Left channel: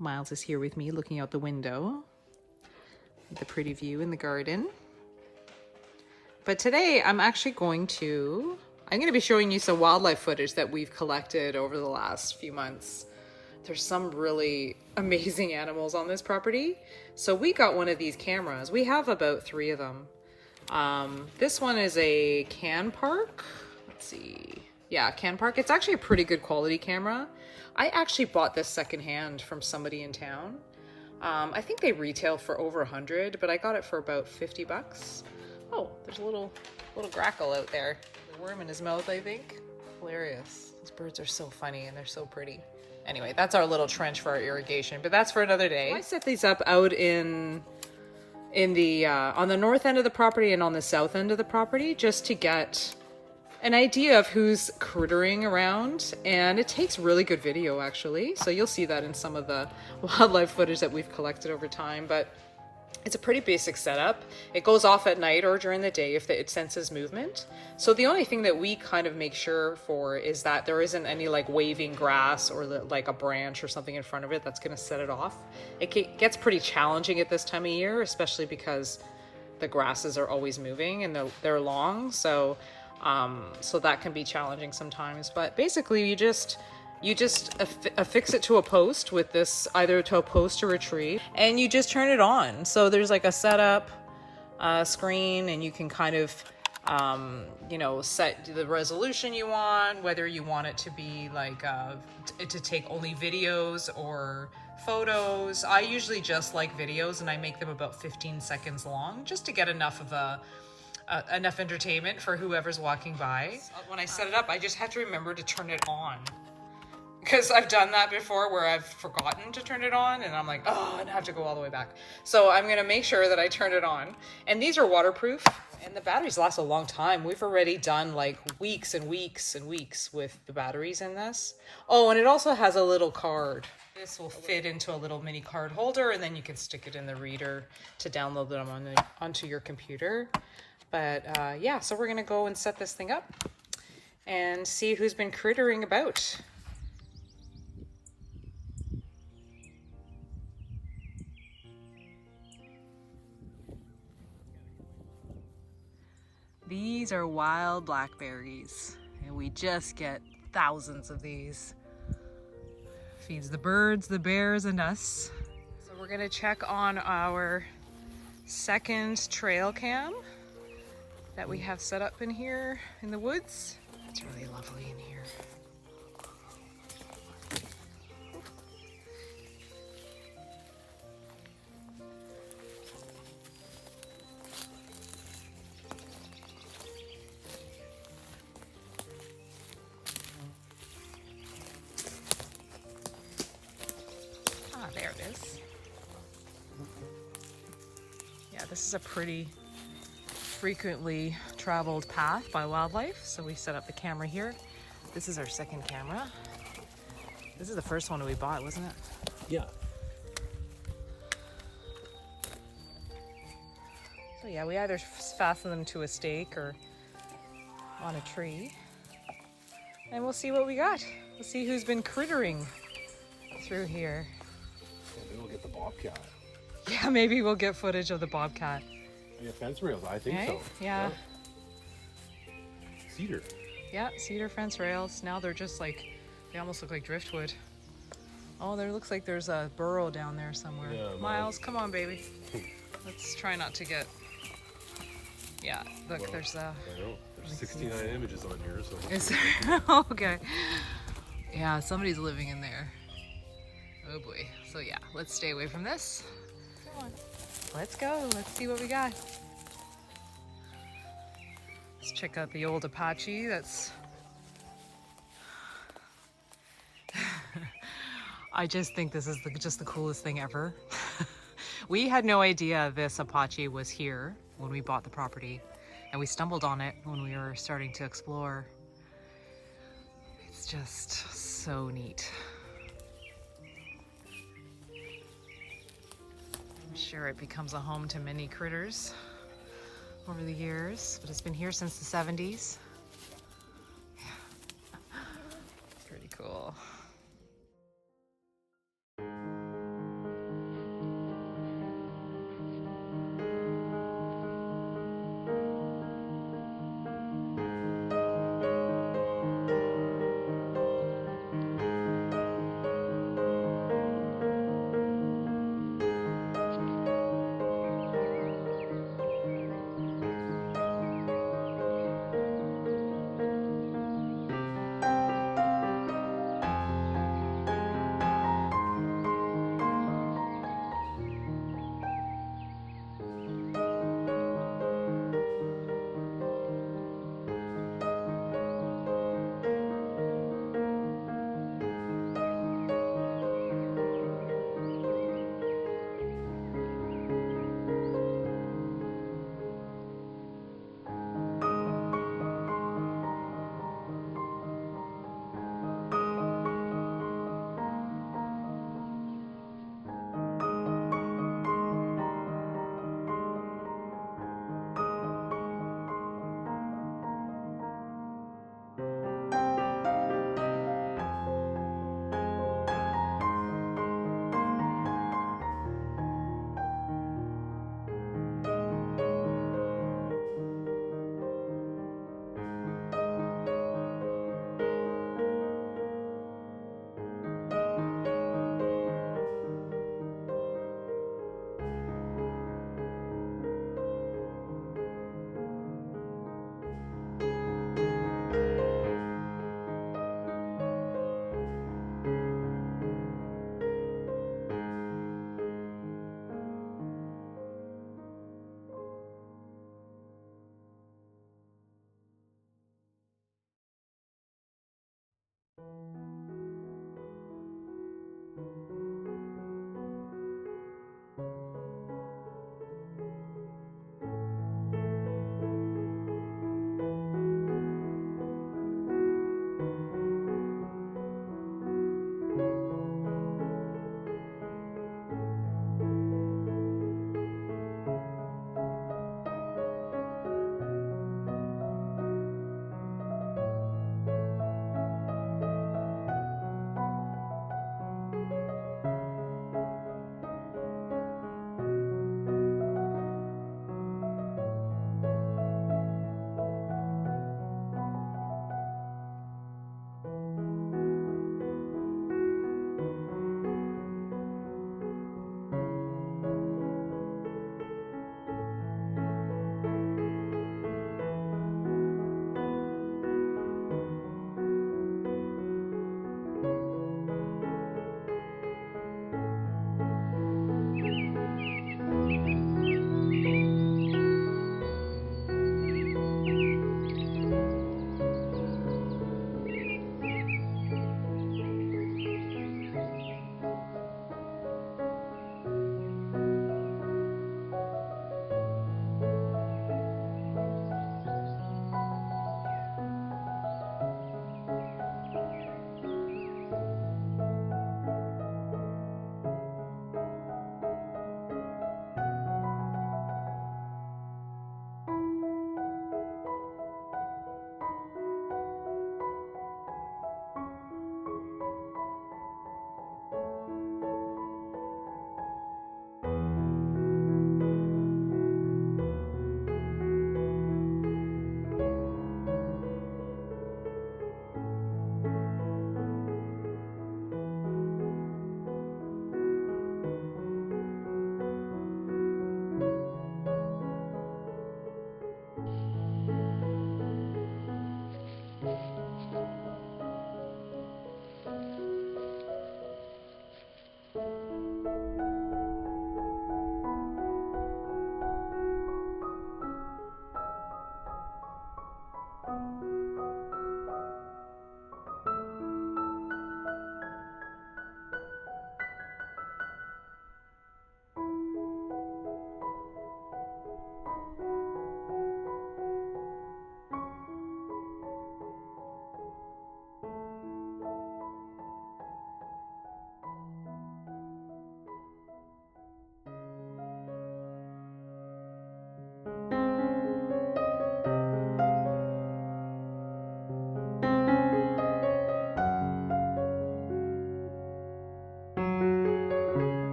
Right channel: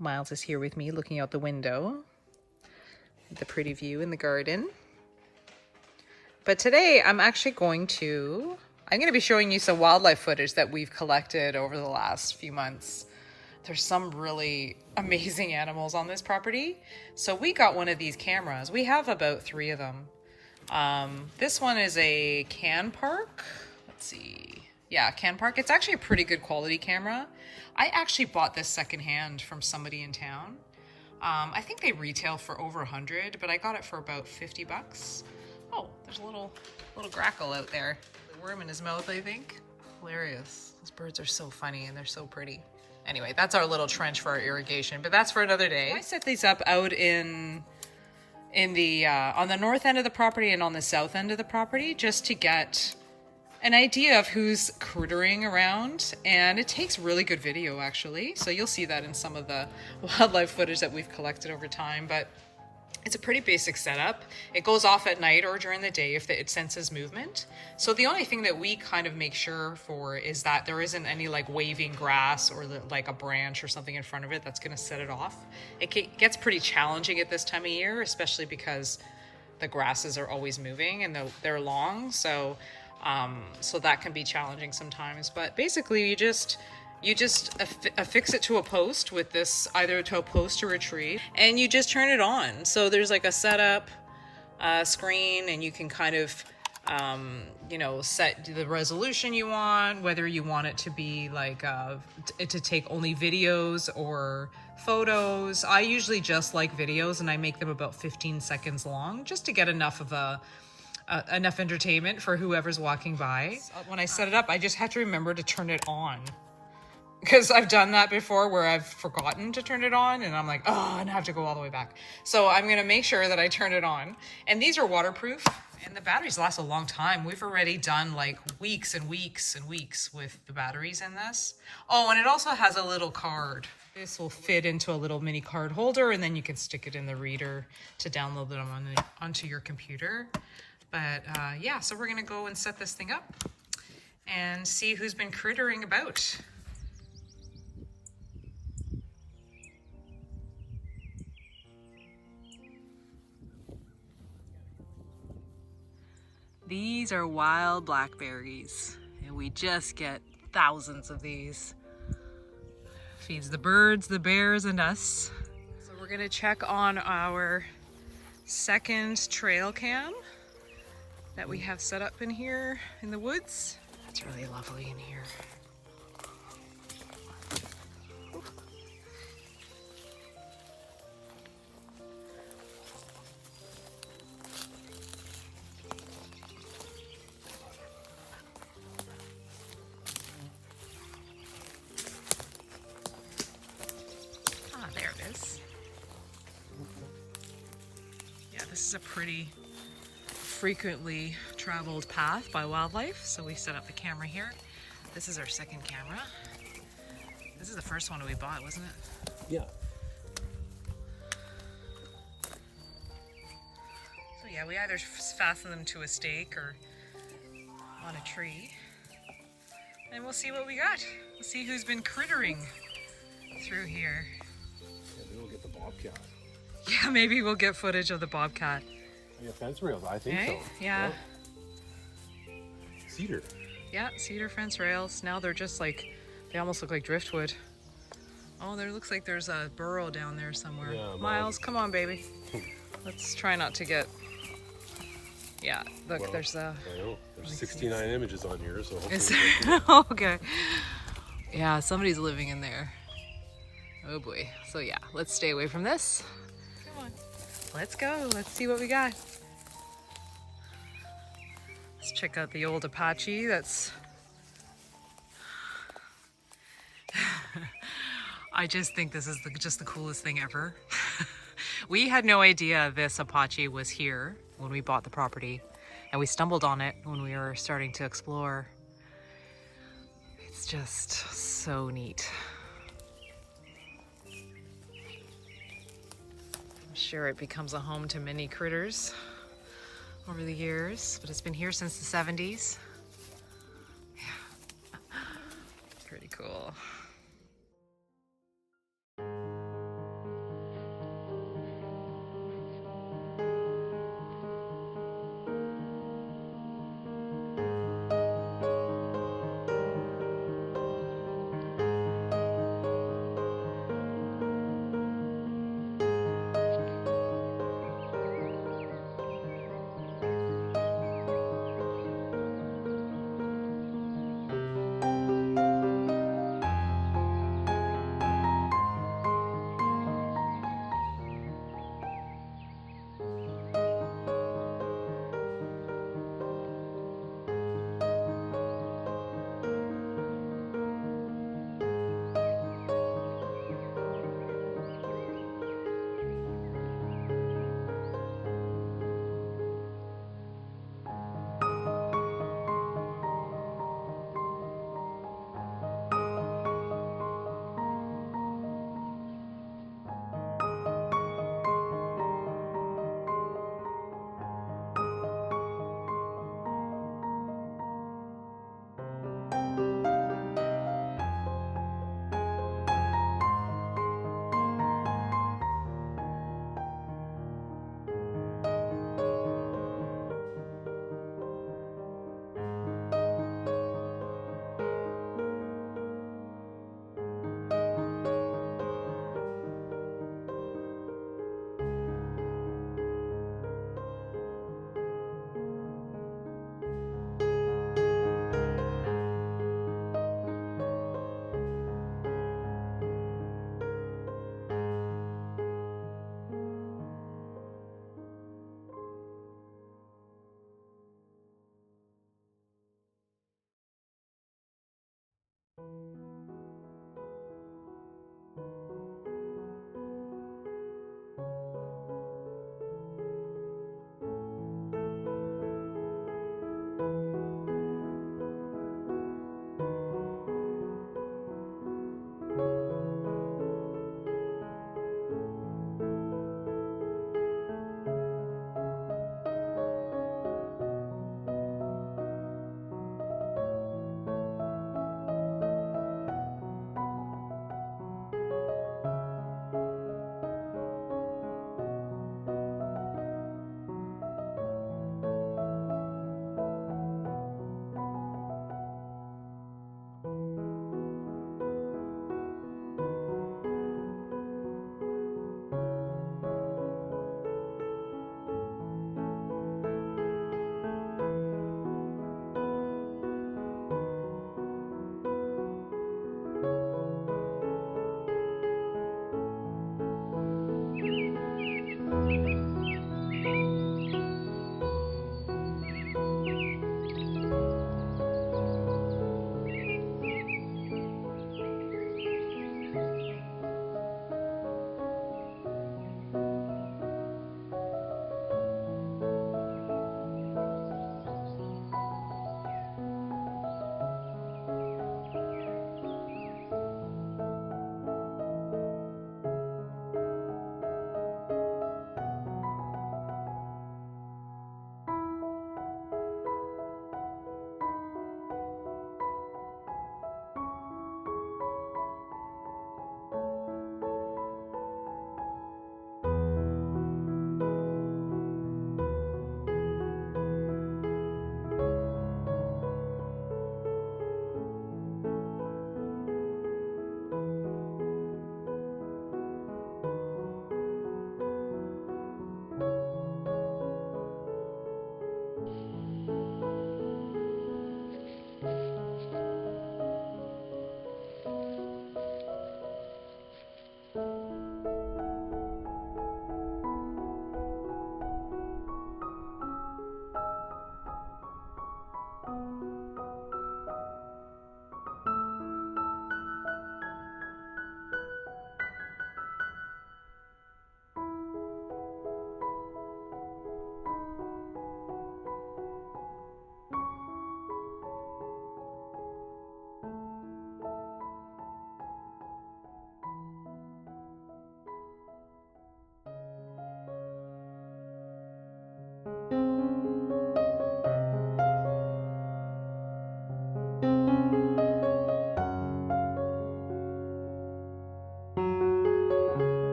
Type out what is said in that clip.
Miles is here with me looking out the window at the pretty view in the garden. But today I'm actually going to be showing you some wildlife footage that we've collected over the last few months. There's some really amazing animals on this property. So we got one of these cameras. We have about 3 of them. This one is a Canpark. Let's see. Yeah, Canpark. It's actually a pretty good quality camera. I actually bought this secondhand from somebody in town. I think they retail for over 100, but I got it for about 50 bucks. Oh, there's a little grackle out there. The worm in his mouth, I think. Hilarious. Those birds are so funny and they're so pretty. Anyway, that's our little trench for our irrigation, but that's for another day. I set these up out in the on the north end of the property and on the south end of the property, just to get an idea of who's crittering around, and it takes really good video actually. So you'll see that in some of the wildlife footage that we've collected over time, but it's a pretty basic setup. It goes off at night or during the day if it senses movement. So the only thing that we kind of make sure for is that there isn't any like waving grass or like a branch or something in front of it that's going to set it off. It gets pretty challenging at this time of year, especially because the grasses are always moving and they're long. So that can be challenging sometimes. But basically you just affix it to a post with this, either to a post or a tree, and you just turn it on. So there's like a setup screen, and you can kind of set the resolution you want, whether you want it to be like to take only videos or photos. I usually just like videos, and I make them about 15 seconds long, just to get enough of enough entertainment for whoever's walking by. When I set it up, I just have to remember to turn it on, because I've done that before where I've forgotten to turn it on and I'm like, oh, and I have to go all the way back. So I'm going to make sure that I turn it on. And these are waterproof and the batteries last a long time. We've already done like weeks and weeks and weeks with the batteries in this. Oh, and it also has a little card. This will fit into a little mini card holder, and then you can stick it in the reader to download them onto your computer. But yeah, so we're going to go and set this thing up and see who's been crittering about. These are wild blackberries, and we just get thousands of these. Feeds the birds, the bears, and us. So we're gonna check on our second trail cam that we have set up in here in the woods. It's really lovely in here. There it is. Yeah, this is a pretty frequently traveled path by wildlife, so we set up the camera here. This is our second camera. This is the first one we bought, wasn't it? Yeah. So yeah, we either fasten them to a stake or on a tree, and we'll see what we got. We'll see who's been crittering through here. Maybe we'll get the bobcat. Yeah, maybe we'll get footage of the bobcat. I got fence rails, I think so. Yeah. Cedar. Yeah, cedar fence rails. Now they're just like, they almost look like driftwood. Oh, there looks like there's a burrow down there somewhere. Yeah, Miles, come on, baby. Let's try not to get... Yeah, look, well, there's a... There's 69 images on here, so... Is there? Okay. Yeah, somebody's living in there. Oh boy. So yeah, let's stay away from this. Come on. Let's go. Let's see what we got. Let's check out the old Apache. That's... I just think this is just the coolest thing ever. We had no idea this Apache was here when we bought the property, and we stumbled on it when we were starting to explore. It's just so neat. I'm sure it becomes a home to many critters over the years, but it's been here since the 70s.